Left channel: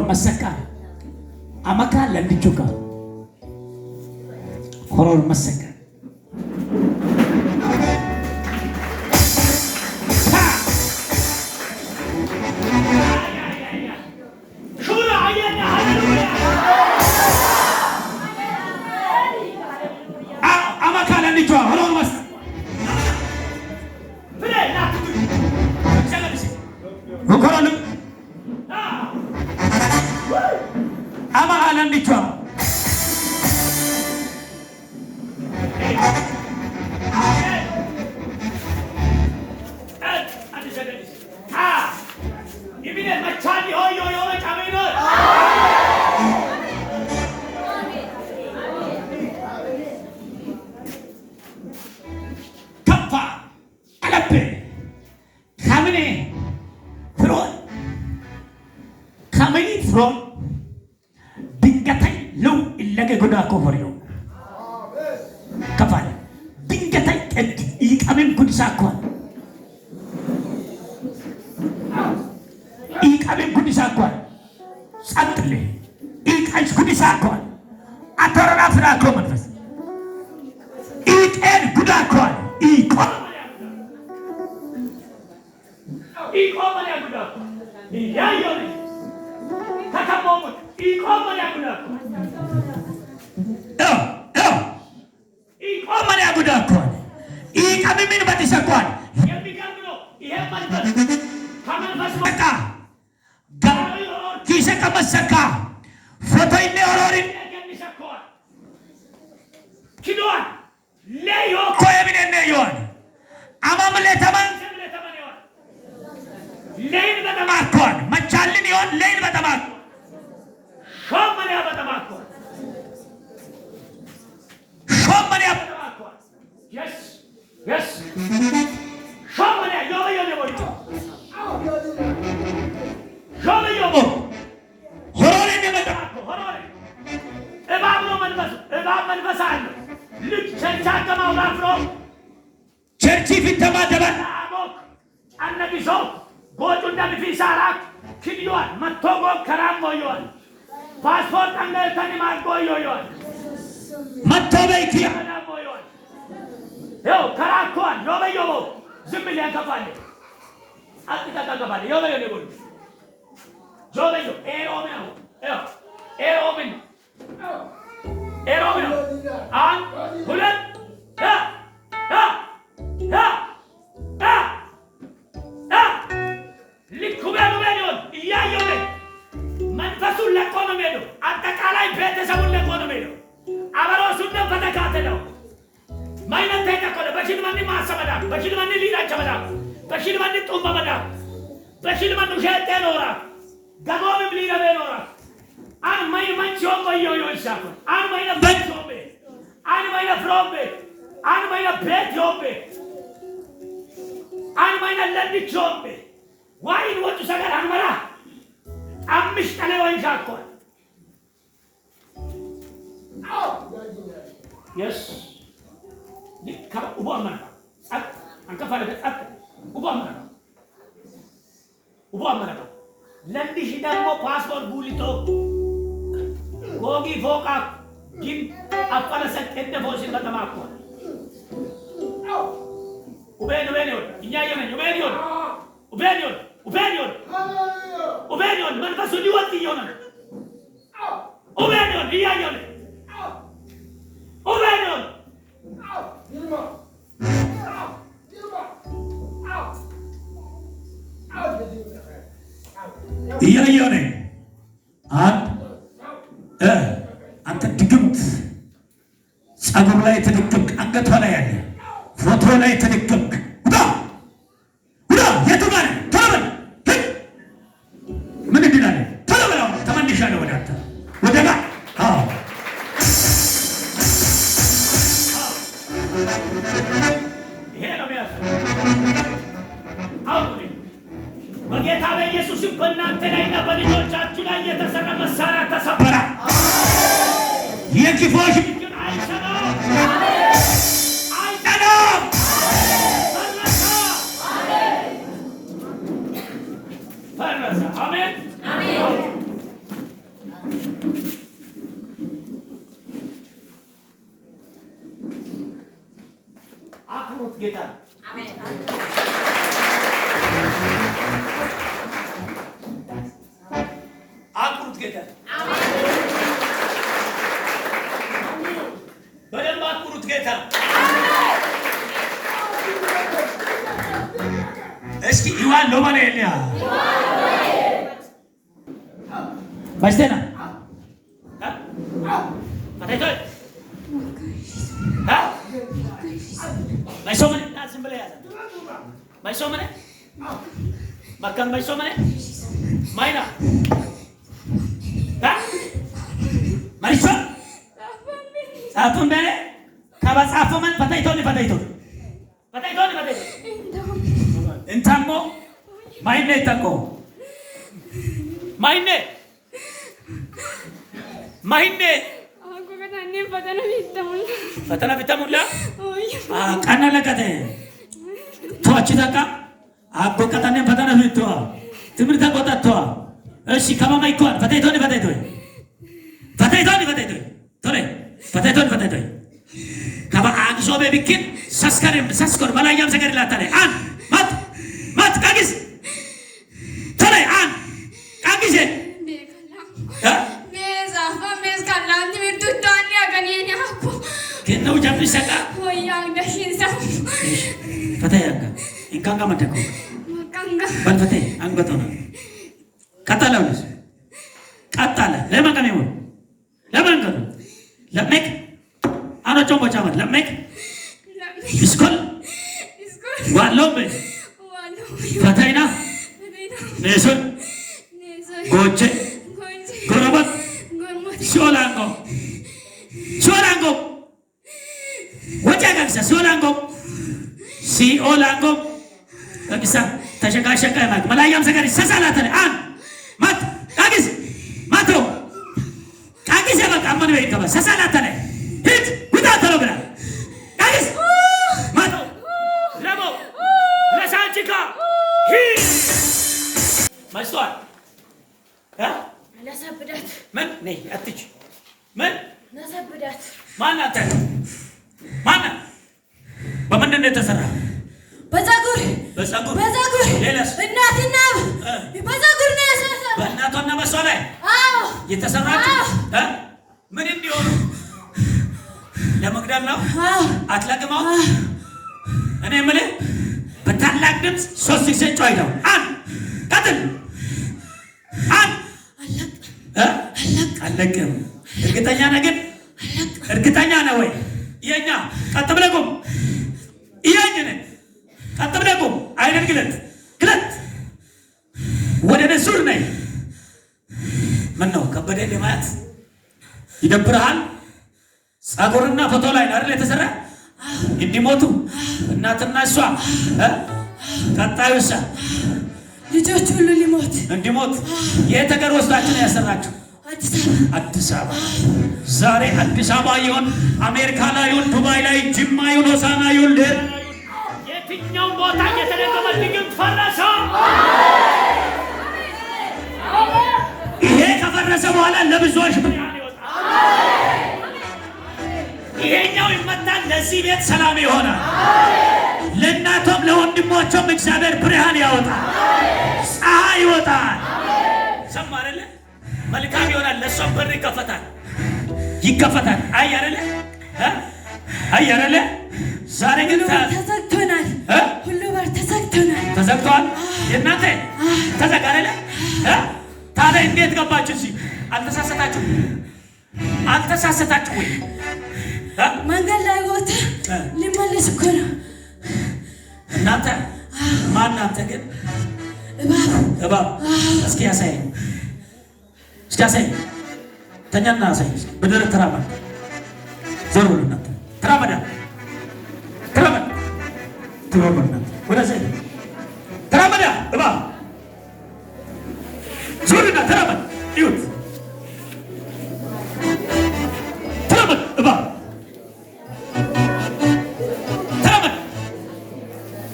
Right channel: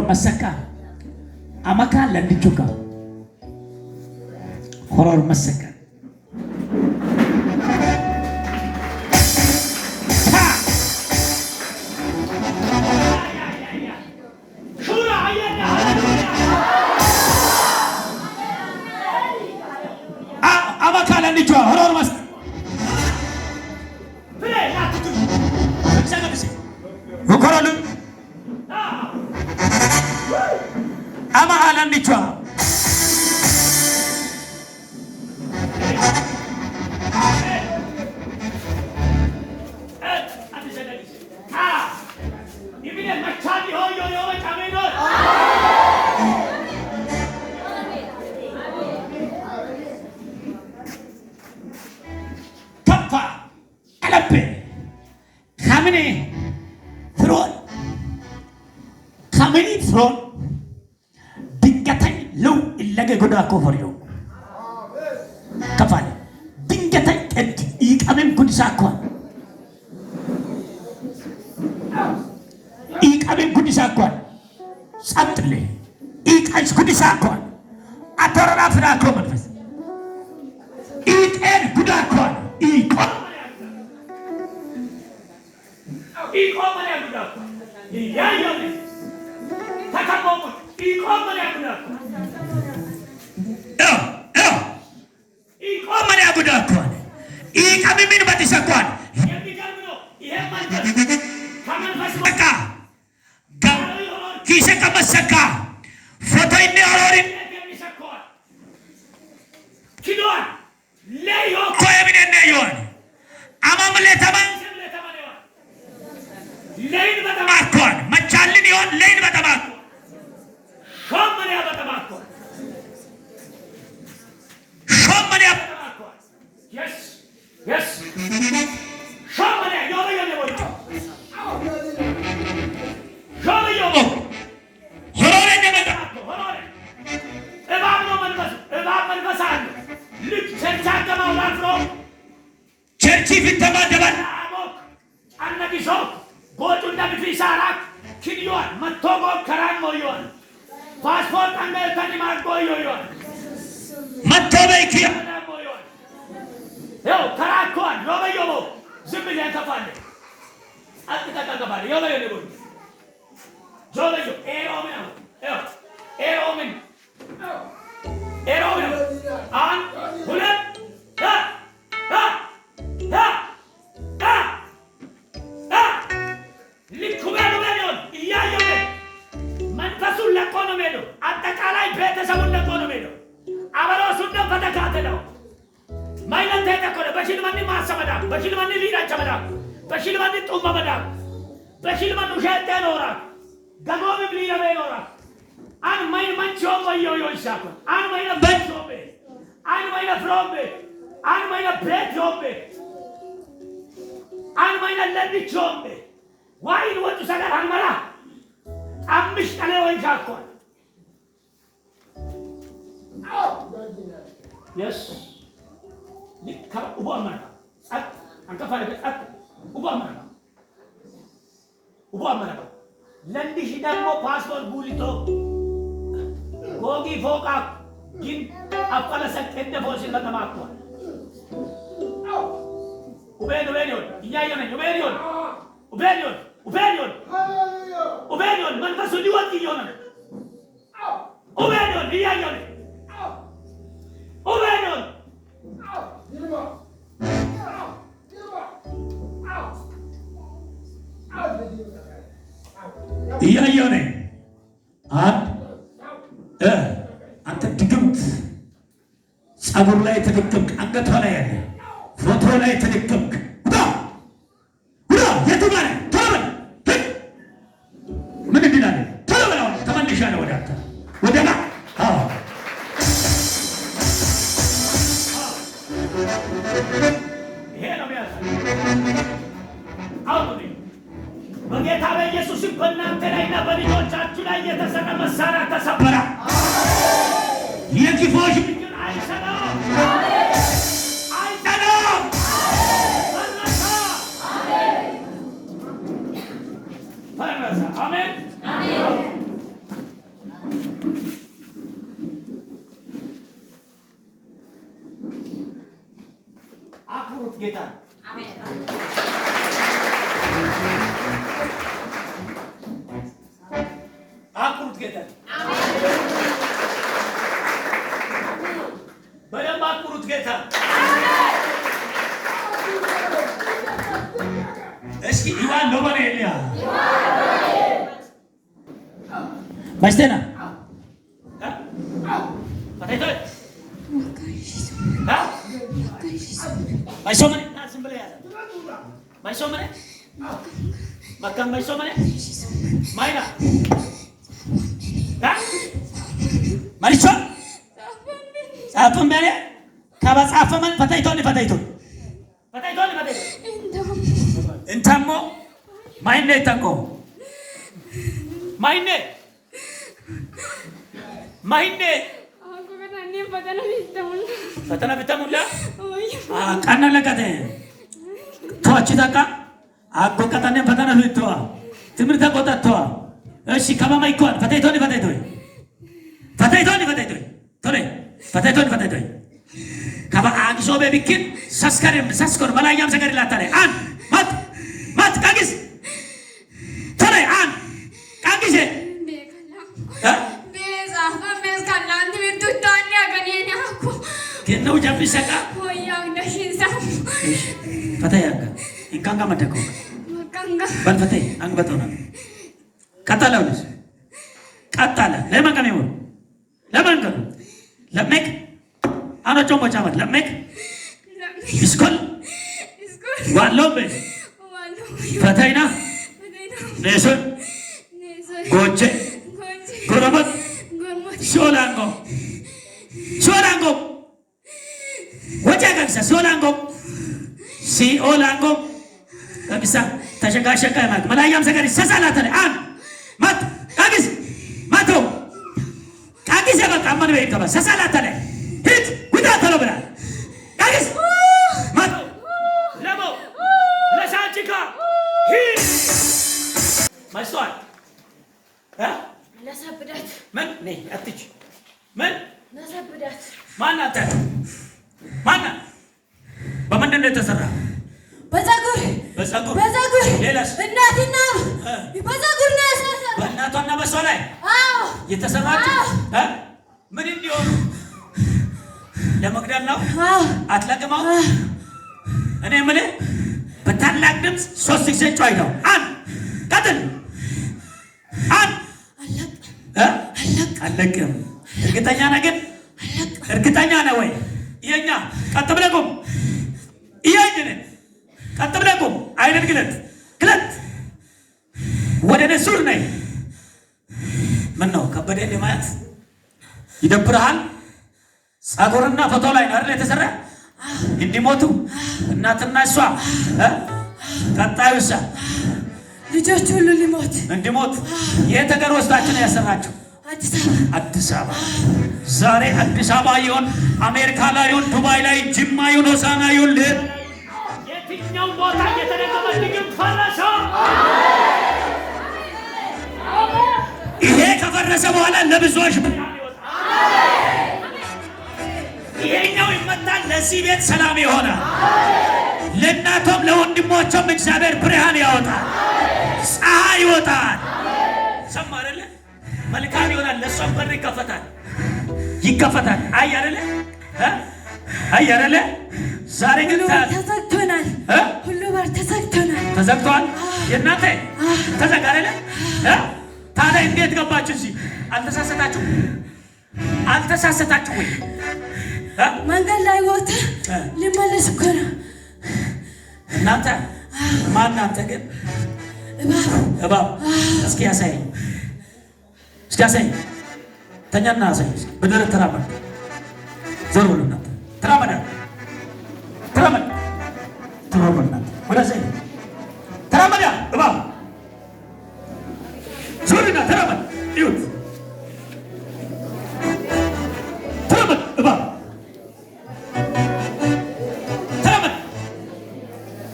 Masaka amaka landichuka horor masaka amaka landichuka horor masaka ama alandichwa ibine machani hoyo kamino kappa kalape kamine throne dingatai lau illage goda ko horiyo kafal dingatai ikamen gudisa ko satle ikais gudisa ko atorana fra ko manfas iken guda ko iko mane guda ko yayo takabomot iko mane guda ko mane guda ko ikame min batisa ko yemigamno yeman kaman fasaka kise kamasaka foto inne ororin kidwa leyo ko yemine neyon amamle taman lein batamakon machalin yon lein batamakon shomane batamakon yes shomane yobe boy horore ne batamakon horore ebab man basalo lut chercha kama ulafro cherchi fitama deban amok annabi shok Botunda bifisarak kidyon mattogo karam moyon passport angel tani mar boyon mattobe ki moyon yo karakon robe yobo zimbilen kafale atika kafale yobe yone boy jobe yo eromen an bulan ya likubelu iyayobe manfasul lekonomelo atakalai bete sabun lekonomelo abaro sunna patakatelo maina teta kono bashil manni masamada bashil manni lira chamada bashil manni tumbamada bashil manni shetenora gagobe lira benora an maina manchomba yoyo shakon an maina banchombe an maina frombe an maina betjombe an maina lendi chombe why in what to say Hanmara? I'm Mr. Leon Jakon. Yes. Come Ubama. I'm Kafale at Ubama. Lendi Hidamo passport bulito. Gogi Foka. Gin Apalasak at the Bosil Batamako. Ubenion, man faso liwati yona. Ubenion, iya yona. Ubenion. Iya yona. Anta digemt. Sabur ላይ ተደቀምክ አንገቷ ላይ ያለ ፎቶ ላይ ተደቀምክ የቱማር ተረበ ምን ይላል ተረበ ተመንሻለ ወደማ ይሄ ነው በጌታ በኢየሱስ በእናንተ ላይና በልጆቻችሁ ላይ የተሰራ መሳሪያ ተሰበረ። የክፎች አይሰራም አይሰራም ፈረሰ። አሜን አሜን። ጌታ ነው። አክብሩት ጌታ ነው። በደንብ አክብሩት ጌታ ነው። እስኪ ይዋን ነው በለኛ ማስተና አታይቶይ ማይሶመኔ ናዝም ብለ ያለ ማይሶመኔ ማካም ማይሶመኔ ማይና ማይሶ ጻፈም በለ ከበጻፈመን ፈታይቶን እንታሞ ማይኔ ተቆ ማይኔ ፈተና ቢተሙላ ቀና ለቀተ ቶች ታቃ አቆቀተነ ፈተና ልትዋ ትምርታ ቆጣቷ እሺ ከማማ ይኳን ፈታይቶን ቶሬ ከባ አንሶ በቢኪን ሰስከር መላያም ሰገድ ላታለ አን ማት ቃጊስ ቶሬ አን ቃጊስ Kenau jambi saka. Oh yang dah hinsa. Patay angga. Ikanga matako. Ikanga. Ban patay ang batona. Katala ulis. Katala. Lemang kami mo. Lemang kami. Lemek. Ano chombo chamat. Lemek. Iskol. Walombe. Patay na. Neson. Goche. Gorabat. Solango. Wajah Solango, si Olango, bisa terjaga mat. Malayam sekali sasalah tadi. Mat, kagis, matro, kagis yang kau aman wei kau sasalah tadi. Hit, kita terus berah. Kagis, matro, ramo, lasan cika, hit. Masuk, Nasa berat. Men, nih, atik, men. Nasa berat. Mana tak? Mana? Bagaimana dia terserah? Bazagur. Lelas. Natina. Bazagur nasa. Naton nama soleh. Kita terserah. Menin dia. Yang magdan lo? Atla ke mau? Ane mele? Betan lagdem sosik secoy dong. Katen. Alak. Ergetanya nagin. Ergetanya na way. Iyanya. Katablakum. Iyanya ne. Katablakum. Ayat kilat. Wada nesur nai. Mano kabade demat. Idapurahan. Sagorna fatolai narle tesara. Indimotu. እናትና እሷ ቀጣዩሳ ልጆቹ ሁሉ እንዲሞት የት ሀገር ወስዳችሁ ነው ያሰራችሁ? አዲስ አበባ። ዛሬ አዲስ አበባ ይሁን አሜሪካ ላይ ይሁን ዱባይ ላይ ጅማ ይሁን ሆሳዕና ይሁን የትኛው ቦታ እየተደገመልኝ ፈረሰ። ይሄ ከፈረሰ በኋላ ለብዙዎች ብርሃን ይወጣል። ይሄኛው ይመጣል። ለዚህ ቤት ሰላም ይሆናል። ለእናቶም ለወንድሞችም እግዚአብሔር ብርሃን ያወጣል። ፀሐይ ይወጣል። ሰማ አይደለ? መልካም ይሆናል። ለሷም በር ይከፈታል። አይ አይደለ? ዛሬ ግን ተዘግቶናል። ሁሉ በር ተዘግቷል። የእናንተ ተዘጋ አይደለ? ታዲያ እንዴት ገባችሁ እዚህ? አልተሳሰታችሁ? መንገድ ላይ ወጣ ሊመለስ እኮ ነው። እናንተ ማናንተ ግን እባብ እስኪ ያሳይ ተኛና ያሳይ በደረ ተራመድ ዞር ብለና ተራመድ ወደዚህ ተራመድ እባብ ዞርና ተራመድ ይሁት ተራመድ እባብ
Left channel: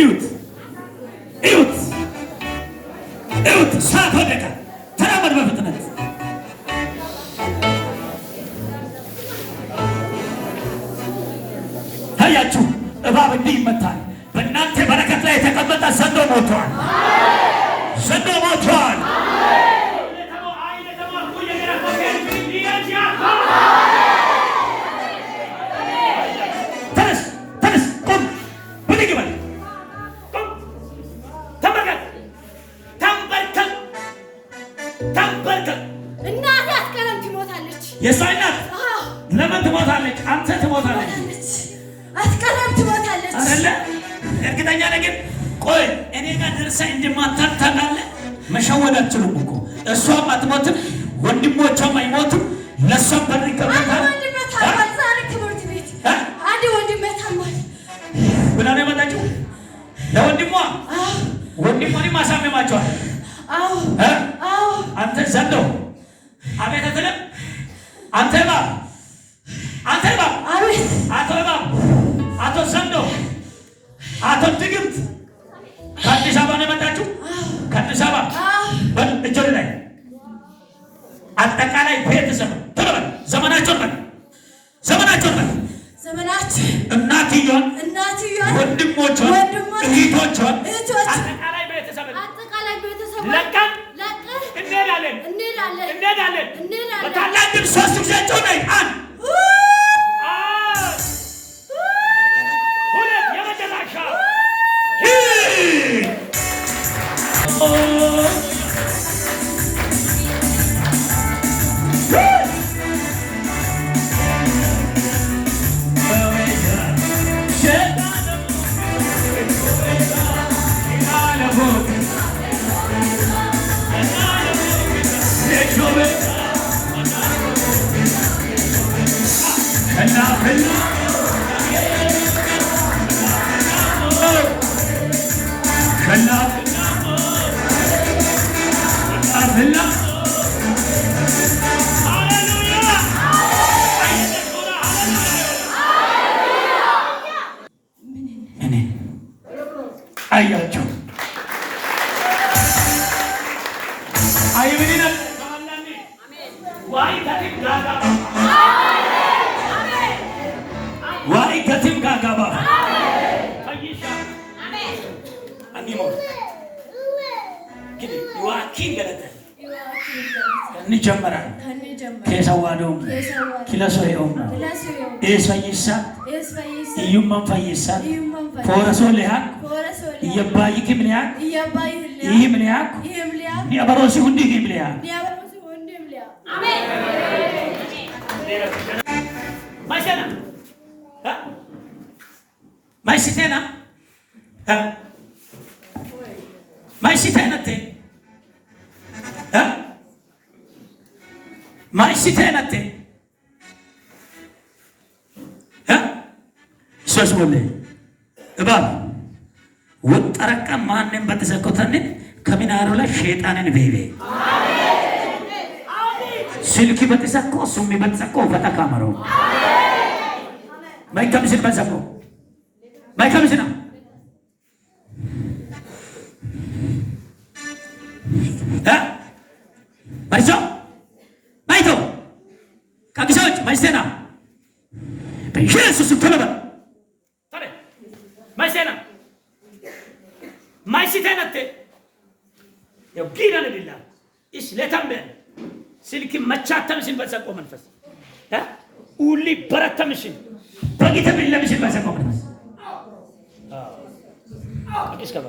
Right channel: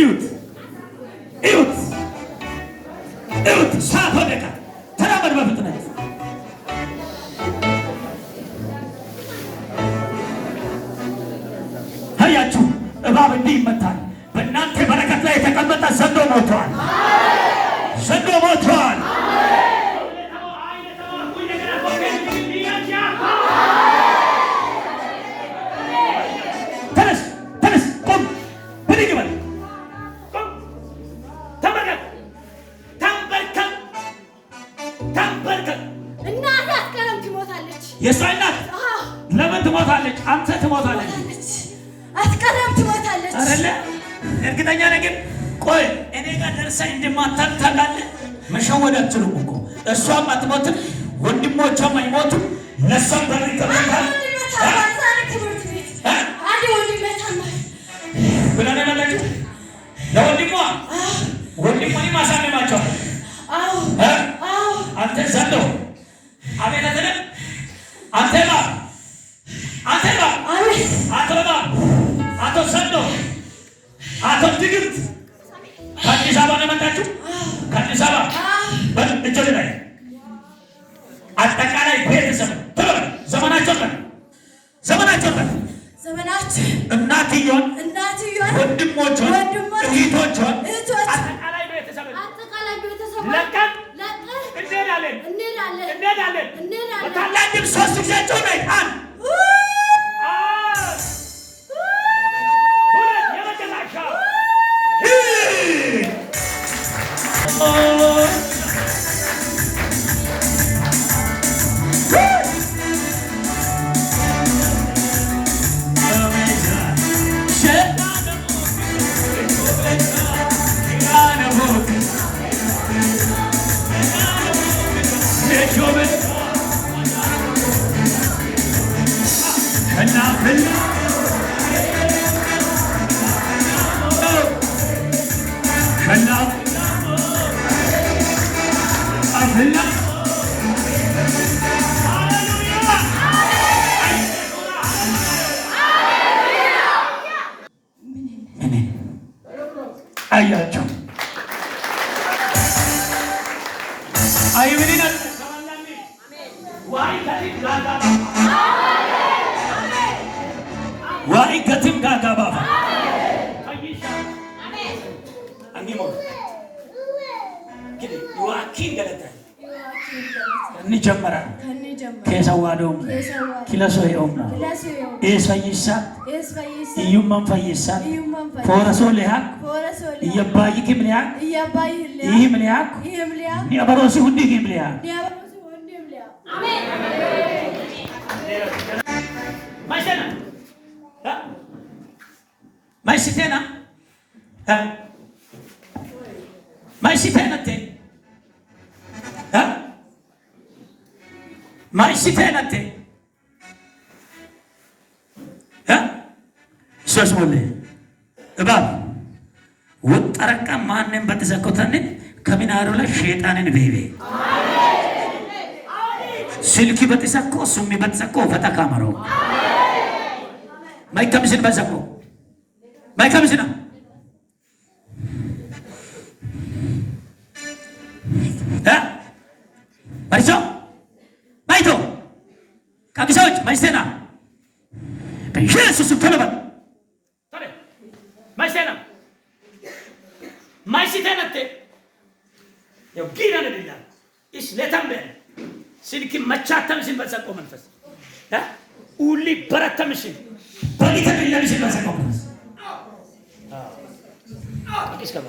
እዩት ሰዓት ወደቀ። ተራመድ በፍጥነት አያችሁ። እባብ እንዲህ ይመታል። የእሷ እናት ለምን ትሞታለች? አንተ ትሞታለች። አትቀርም፣ ትሞታለች አይደለ? እርግጠኛ ነገር ቆይ እኔ ጋር ደርሳ እንደማታል ታውቃለህ። መሸወድ አትችሉም እኮ እሷም አትሞትም፣ ወንድሞቿም አይሞቱም። ለእሷም በር ይከፈታል። አንድ ወንድሜ ታሟል ብላ ነው የመጣችው ለወንድሟ። ወንድሟን ማሳመማቸዋል። አንተ ዘንዶ አቤት አትልም። አንተ እባብ፣ አንተ እባብ፣ አቶ እባብ፣ አቶ ዘንዶ፣ አቶ ድግምት ከአዲስ አበባ ነው የመጣችው። ከአዲስ አበባ እጆች ላይ አጠቃላይ ቤተሰብ ተበል ዘመናቸውን እናትየውን ወንድሞቿን እህቶቿን አጠቃላይ ቤተሰብ ለቀን እንሄዳለን። በታላቅ ድምፅ ሶስት ጊዜ ጮህ ነይ። አንድ ሁለት የመጨረሻ አያችሁ አይብሪና ተማላኒ ዋይ ከቲም ጋጋባ አይሻ አንዲሞ ግዲ ዋኪን ገለተ እንጀምራለን ከሰዋዶም ኪለሶዮም ኤስፈይሳ ኢዩማን ፈይሳ ፎረሶ ለሃ እየባይ kimliya ihimliya ni abarosi hundi kimliya amen maisena ha maisitena ha maisitena te ha maisitena te ha sesmole እባብ ወጠረቃ ማንም በተሰኮተን ከሚናሩ ላይ ሸይጣንን ቤቤ ስልኪ በተሰኮ ሱሚ በተሰኮ ፈተካመሮ ማይከምስል በሰኮ ማይከምስና ባይሶ ባይቶ ከግሳዎች ባይሰና በኢየሱስ ተለበ ታለ ማይሰና ማይሲተነተ ያው ጊራን ለላ እስ ለተምበ ስልክ መቻተምሽን በሰቆ መንፈስ ኡሊ በረተምሽን በጊተ ቢለምሽን በሰቆ መንፈስ አዲስ ከባ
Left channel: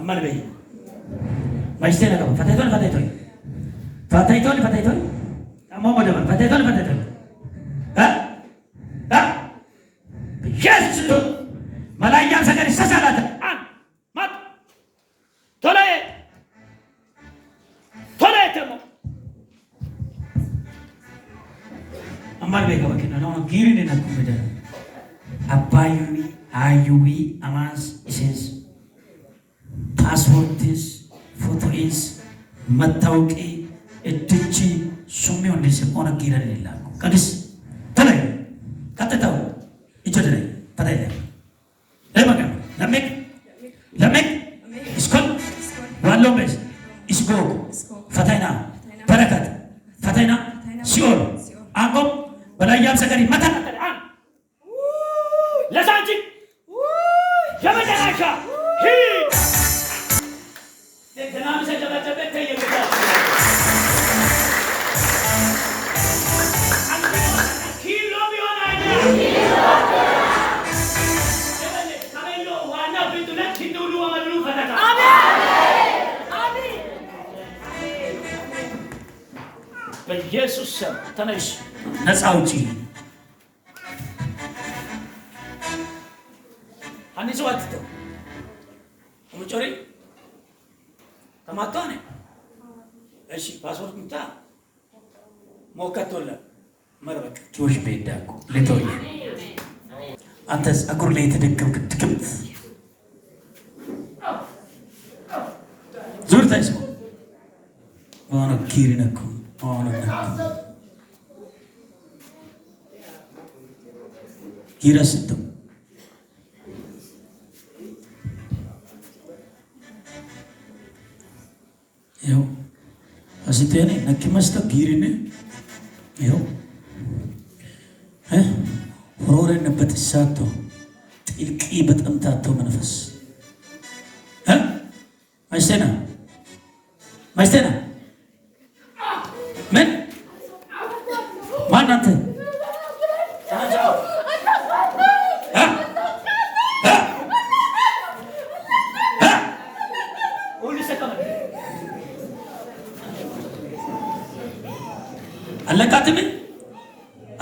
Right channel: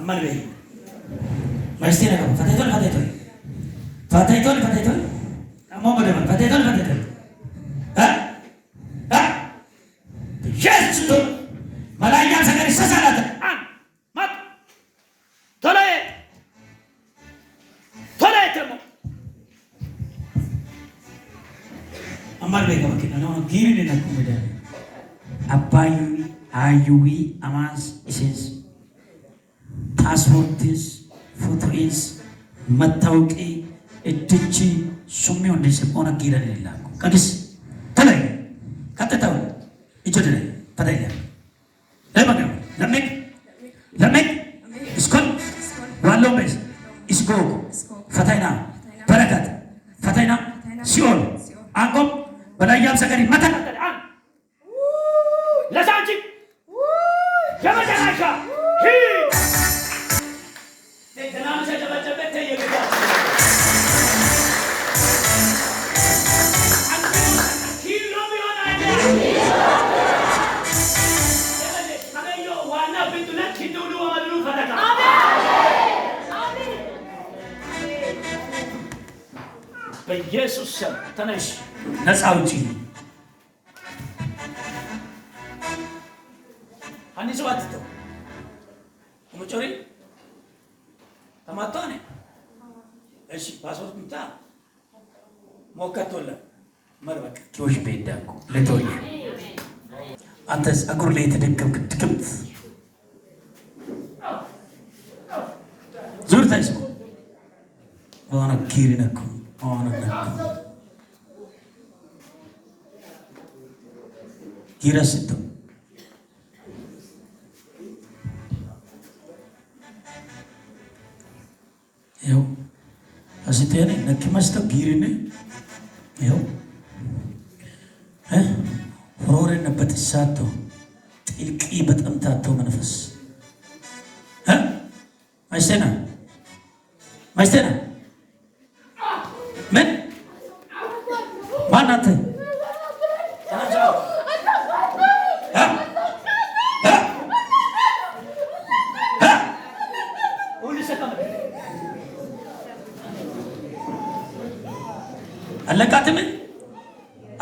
አማን በይ ማይስተና ነው ፈታይቶን አማሞደማን ፈታይቶን ኢየሱስ መላእክት ሰገር ይሰሳላት ማት ቶላይ ተሞ አማር በይ ከመከና ነው ጊሪን ነኩመደ አባዩ አዩዊ አማስ ኢሴስ ፓስፖርትስ ፎቶስ መታወቂ እድቺ ሱሚው እንደሰቆነ ጊራን ይላል ቀድስ ተላይ ከተታው ይጆደለ ፈታይለ ለmek iskon walombes isgog fatayna barakat fatayna ሲኦል አንቆም በላያም ሰገሪ መከራ አን ለሳንቺ የመጨረሻ ደናም ሰጨበጨበ ተየገዳ ኪሎ ቢሆን በኢየሱስ ስም ተነሽ፣ ነፃ ውጪ። አንዲት ሰው አትተው ሙጮሪ ተማጣኔ እሺ ፓስፖርት ምታ ሞከቶለ መርበቅ ጆሽ ቤዳኩ ለቶኝ አንተ ጸጉር ላይ የተደገምክ ድግምት ዙር ታይስኩ ዋና ኪሪነኩ ዋና ኪራስቱ ያው አሲቴኔ ነክመስተ ጊሪኔ ያው ሆረነበት ሳቶ ጥልቂ በጠምታቶ መንፈስ ማይስቴና ምን ማናንተ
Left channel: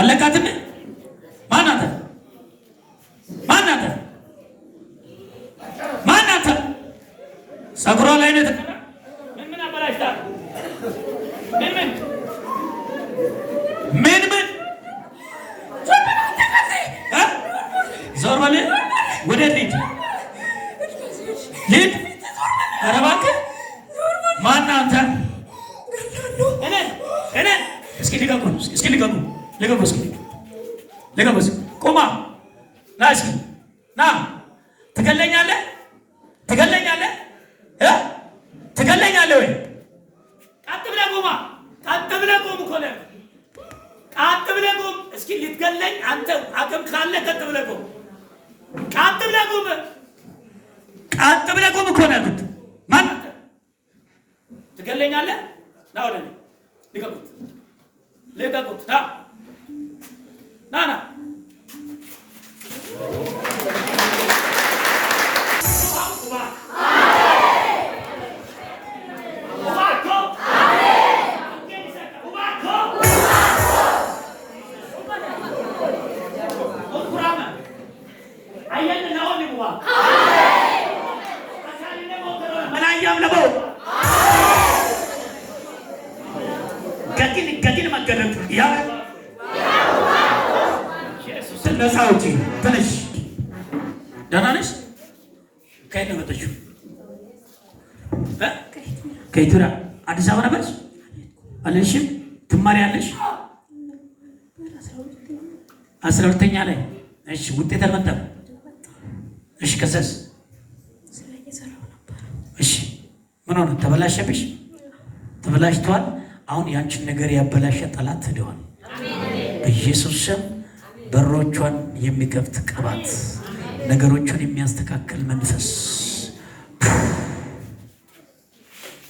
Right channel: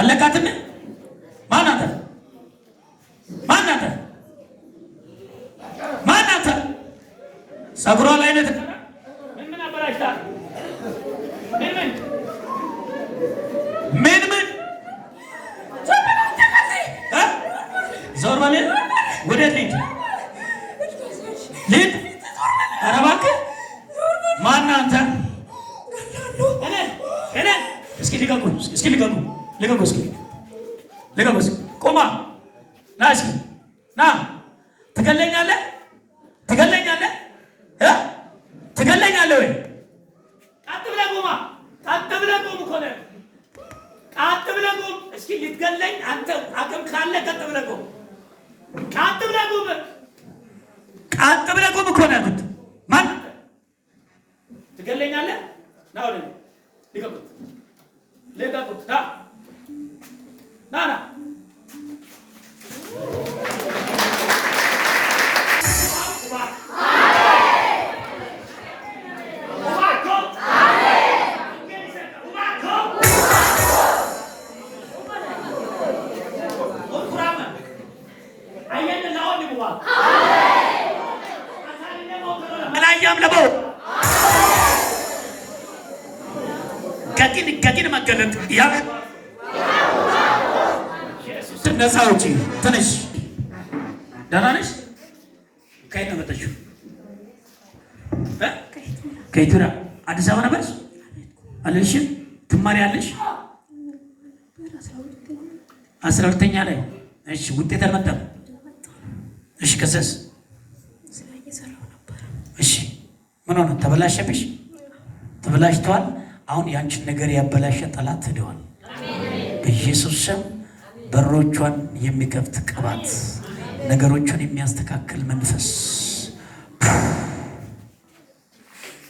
አለቃትም ማናንተ ጸጉሯ ላይ ነው ምን አበላሽታ ምን ዞር በል ወደ ልጅ ኧረ እባክህ ማነህ አንተ እኔ እስኪ ልቀቁ ቁማ ና እስኪ ና ትገለኛለህ ወይ ቀጥ ብለህ ቁም እኮ ነው ቀጥ ብለህ ቁም እስኪ ልትገለኝ አንተ አቅም ካለ ቀጥ ብለህ ቁም እኮ ነው ያልኩት ማን ትገለኛለህ ና ወደ ልቀቁት ና ከቂን መገለጥ ያ ነፃ ውጪ ትንሽ ደህና ነሽ? ከየት ነው መጣችው? ከኢትዮጵያ አዲስ አበባ ነበርሽ? አለሽም ትማሪያለሽ? 12ኛ ላይ እሺ። ውጤት አልመጣም? እሺ። ከሰስ እሺ። ምን ሆነ? ተበላሸብሽ? ተበላሽቷል። አሁን ያንቺን ነገር ያበላሸ ጠላት ሄደዋል። በኢየሱስ ስም በሮቿን የሚከፍት ቅባት፣ ነገሮቿን የሚያስተካክል መንፈስ